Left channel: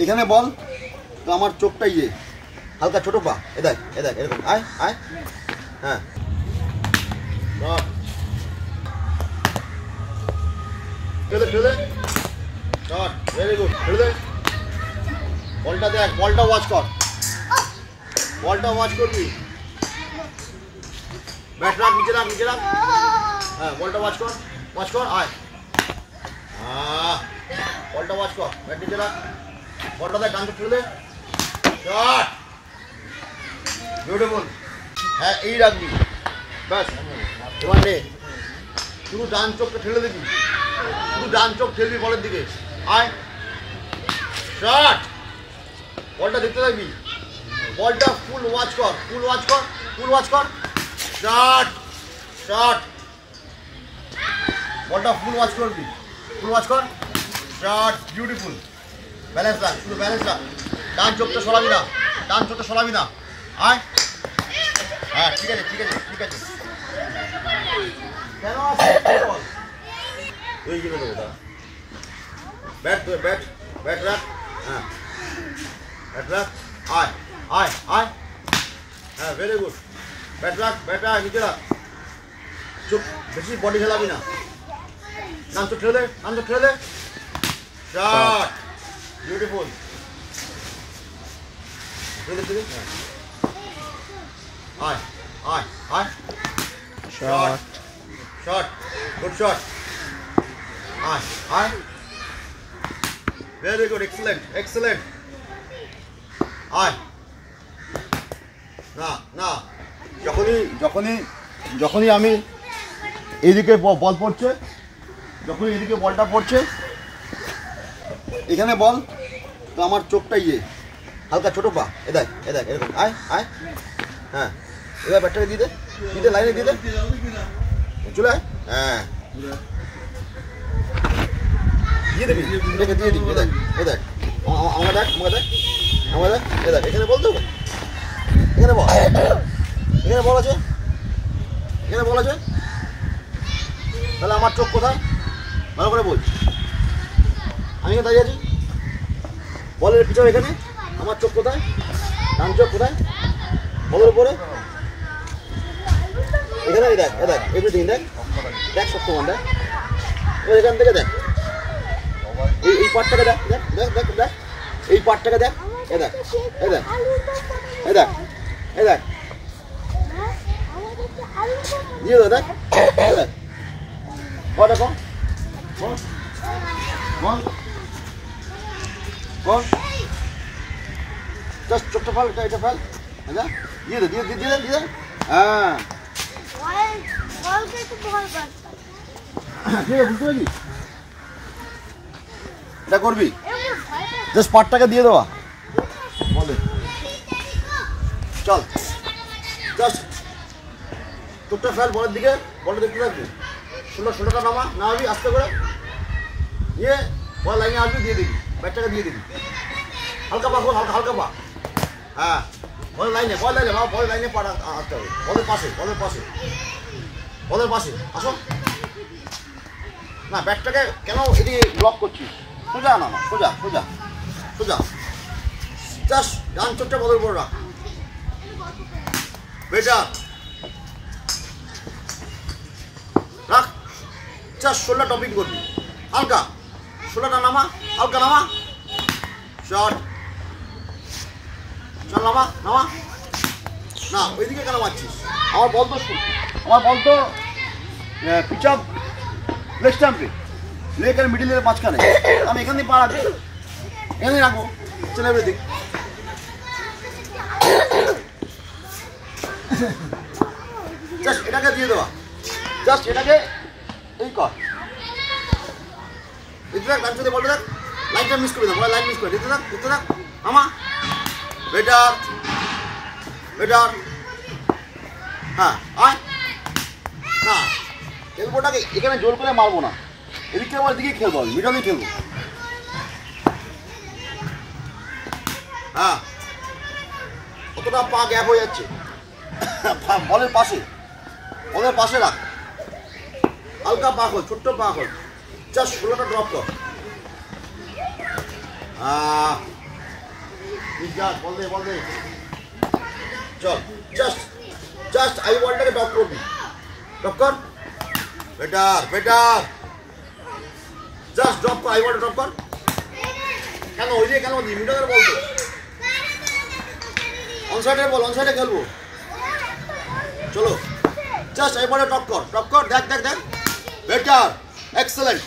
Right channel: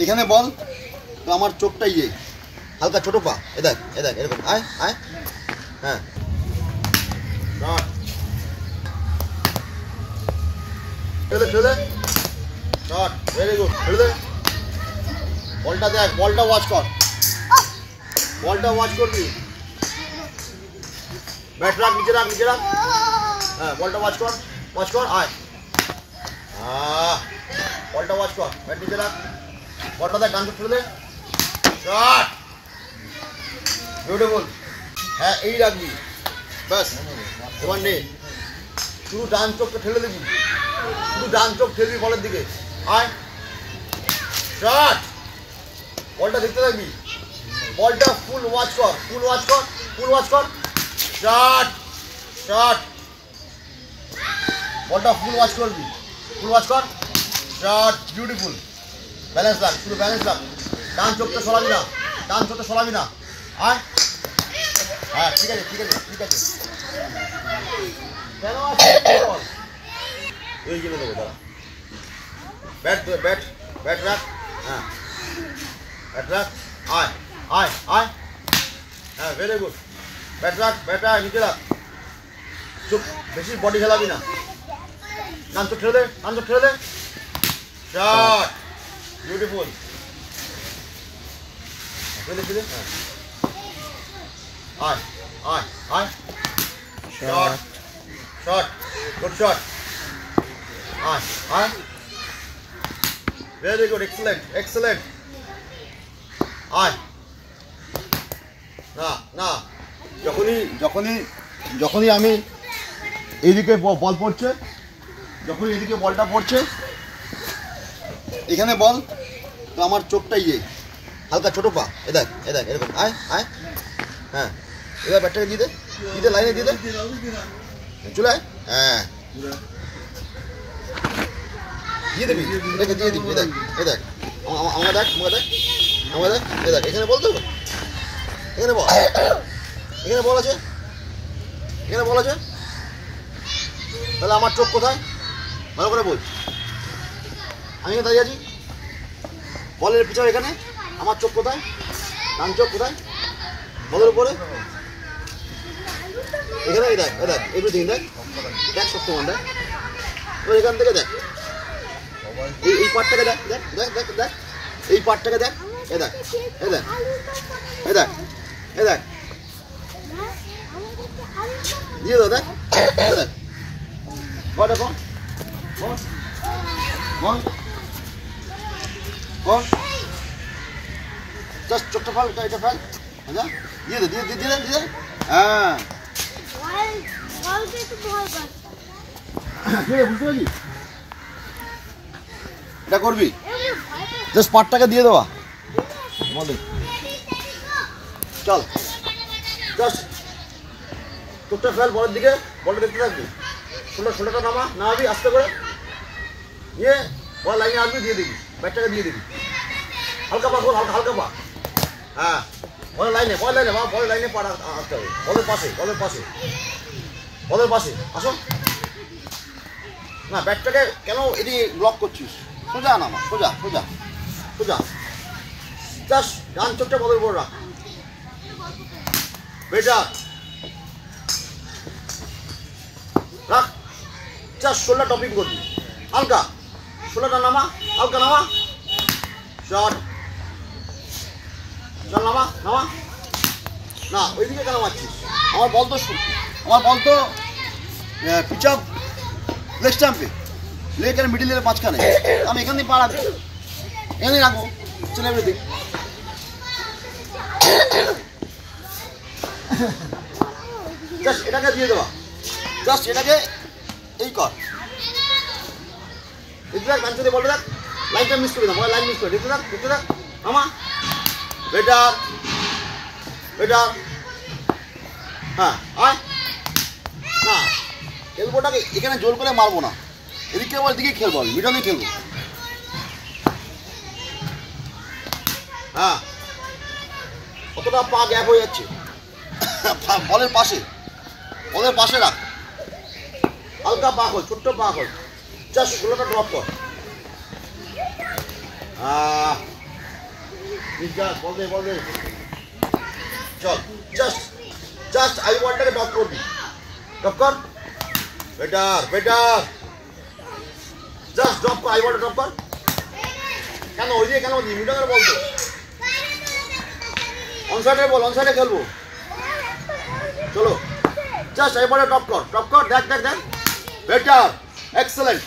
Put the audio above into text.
এখানে বল তো আমার চোখটা ইয়ে হালকা ছোট পা এ দেখ এরকম আয় আয় হ্যাঁ শট খেলে শট ভেরি গুড খেলে দে বলটা দেখ বলটা ওয়াচ করবি ব্যাট রাখ নিচে রাখ হ্যাঁ বলটা ওয়াচ কর আয় বলটা ওয়াচ কর ব্যাট নিচে রাখ বলটা দেখ ডান খেলে দে শট বিউটিফুল হ্যাঁ এই রাখবি ব্যাস এবার নে শুধু ডান চোখটা ঠেলে দিবি বলের দিকে আয় শট বলটা দেখতে থাকবি বলটা ফুল ওয়াচ কর শট বলটা ফুল ওয়াচ কর শট বিউটিফুল ব্যালেন্স রাখ শুধু ব্যালেন্স রাখ ডান চোখটা সরাবি না আয় হ্যাঁ ঠিক আছে কেন এই গেলে দেবো দাদা ব্যাট রাখ হ্যাঁ আয় হ্যাঁ ভেরি গুড ব্যাট রাখ নিচে রাখ চুপ বেশি বডি খেলাবি না নাম চোখ ঠেলে দে শট বিউটিফুল আয় শট গুড শট আয় ভেরি গুড এক্সেলেন্ট আয় না যখনই আমি এইদিকে বল পড়ছে যখনই এদিকে বলটা পড়ছে এখানে বল তো আমার চোখটা ইয়ে হালকা ছোট পা এ দেখ এরকম আয় হ্যাঁ এবার ব্যাটটাকে দিয়ে দে লাইনে দিয়ে দে চলে আয় হ্যাঁ দিয়ে দিবি এটাকে দিয়ে দিবি এ দেখ আমাকে দেখ এ দেখ এখানে বল তো এখানে বল আছে তাহলে আমার চোখ কোথায় ভালো করে বল আমি এখানে দাঁড়িয়ে আছি বলের পিছনে এখানে আমার চোখ কোথায় ডান চোখ কোথায় বলের উপরে এখানে দেখ এভরিথিং দেখ সত্যমান দেখ এবার এখান থেকে দেখ এই পার্টটাকে দেখ এই পার্টটাকে দেখ এ দেখ দিয়ে দাও দেখ কটা কোন জাস্ট চোখটা ফেল এটা ফেল আচ্ছা দিয়ে দে হ্যাঁ বুঝতে পারছি এটা করবি জাস্ট পার্টটাকে দিয়ে দেওয়া বলে চল জাস্ট চোখটা ফেল বলের দিকে বলটা দেখতে থাকবি ষোলোটা নামাবি আস্তে করে নিয়ে বল লাইনে আসবি দিয়ে দিবি ব্যাটটাকে দিয়ে দিবি হালকা পা হালকা পা হ্যাঁ বলের লাইনে বলের লাইনে পা আসতে হবে বলের পাশে আসো না ব্যাটটাকে কেন এটি ব্লক করছিস সোজা নামা সোজা জাস্ট ডান চোখটা বলের উপর রাখ বেটা রাখ জাস্ট শোল্ডার টপিং করবি হালকা শোল্ডারটা নামা শট চল নামা না ওইদিকে কেন মারছিস আমার বল তো পিচ আপ লেগ স্ট্যাম্পে লেগ আর মিডিলের মাঝখানে আমি এখানেই পা রাখবো এখানেই রাখবো চলে এভরিথিং জাস্ট এটাকে দিয়ে দেওয়া জাস্ট এটাকে এই কর দেখতে থাক ডান চোখে বলতে থাক লাইনটা মিস করবি না বল লাইন মিস করে দেখতে থাক মামা বেটার হ্যাঁ আর না এলবোটাকে এখানে জোর করে মারবো না এদিকে আবার দিকে খেলবো আমি মিডলে খেলবো হ্যাঁ কতটা পা গ্যাপ হয়ে যাচ্ছে বলের পাশে রাখ হালকা পা খোল ছোট্ট পা খোল জাস্ট ষোলোটা ড্রপ কর বল দে চল জাস্ট আই বলটাকে ড্রপ করবি ড্রপ কর বেটার জাস্ট ড্রপ কর আই বলটা ড্রপ কর কেন ওই দিয়ে কেন মিডলের বল তো অনসাইডে খেলবো চলো জাস্ট আই বলটা ড্রপ কর দেখ বেটার এক্সেলেন্ট